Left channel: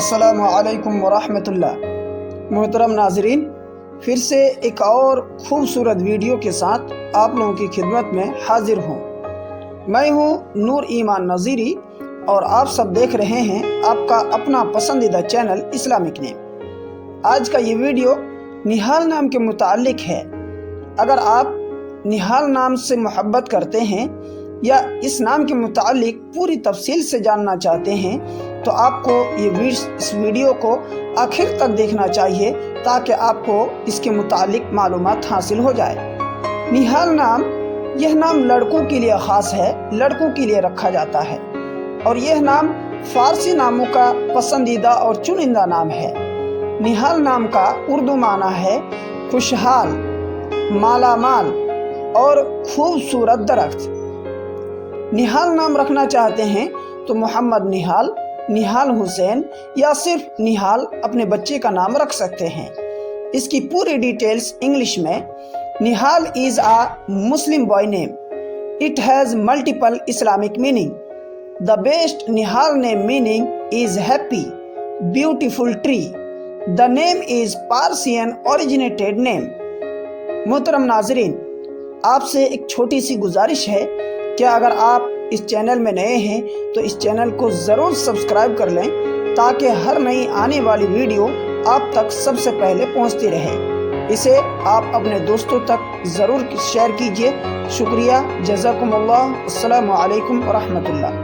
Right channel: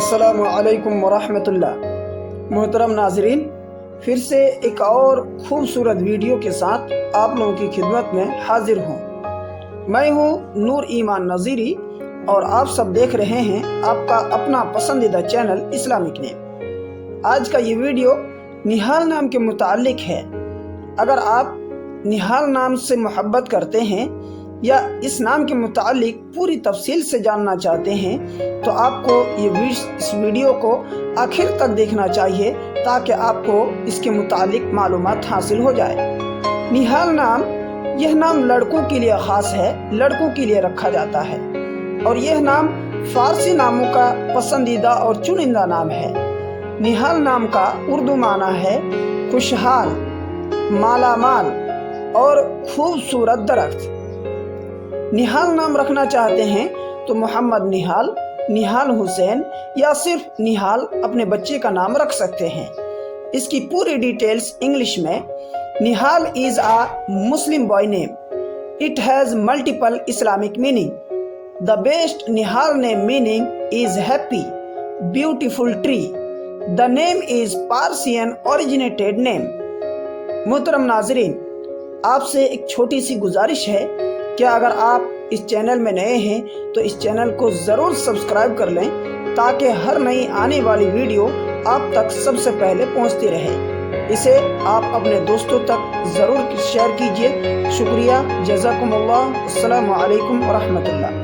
السلام علیکم ورحمۃ اللہ۔ محترم ناظرین، پھر سے ایک اور خوبصورت ویڈیو کے ساتھ آپ لوگوں کی خدمت میں حاضر ہوں۔ میں ہوں نور ایمان نظیری اور آپ سب دیکھ رہے ہیں آپ کا اپنا پسندیدہ چینل اسلامک نیم۔ آج کا یہ ویڈیو نہال نام کے متعلق ہے۔ اگر آپ نہال نام سے محبت کرتے ہیں یا اس نام کے متعلق پوری تفصیل سے جاننا چاہتے ہیں تو آپ کو اس ویڈیو کو آخر تک دیکھنا چاہیے تاکہ آپ کو اس کے متعلق معلومات حاصل ہو جائے۔ نہال نام، یہ نام لڑکوں کے لیے خاص ہے، لڑکوں کے لیے رکھا جاتا ہے، اور یہ نام فارسی ناموں کا پسندیدہ اور چنندہ نام ہے۔ نہال نام کا اردو معنی ہے خوشحال، مالا مال اور خوبصورت درخت۔ نہال نام رکھنا چاہتے ہیں تو محمد نہال، نہال حسین یا صرف نہال اپنے بچے کا نام رکھ سکتے ہیں۔ اس کی پوری ڈیٹیلز انگلش میں: نہال is a Muslim boy name. It has multiple Islamic meaning. The best Nihal name meaning is happy, beautiful tree. The name is Persian originated name. محترم ناظرین، آپ سے ایک چھوٹی سی گزارش ہے کہ اگر آپ اس چینل میں نئے ہیں تو اس چینل کو ضرور سبسکرائب کر لیں تاکہ ہر نئی آنے والی ویڈیو آپ تک سب سے پہلے پہنچتی رہے۔ اسے آپ اپنے دوستوں تک ضرور شیئر کیجیے۔ شکریہ، جزاکم اللہ، السلام علیکم ورحمۃ اللہ۔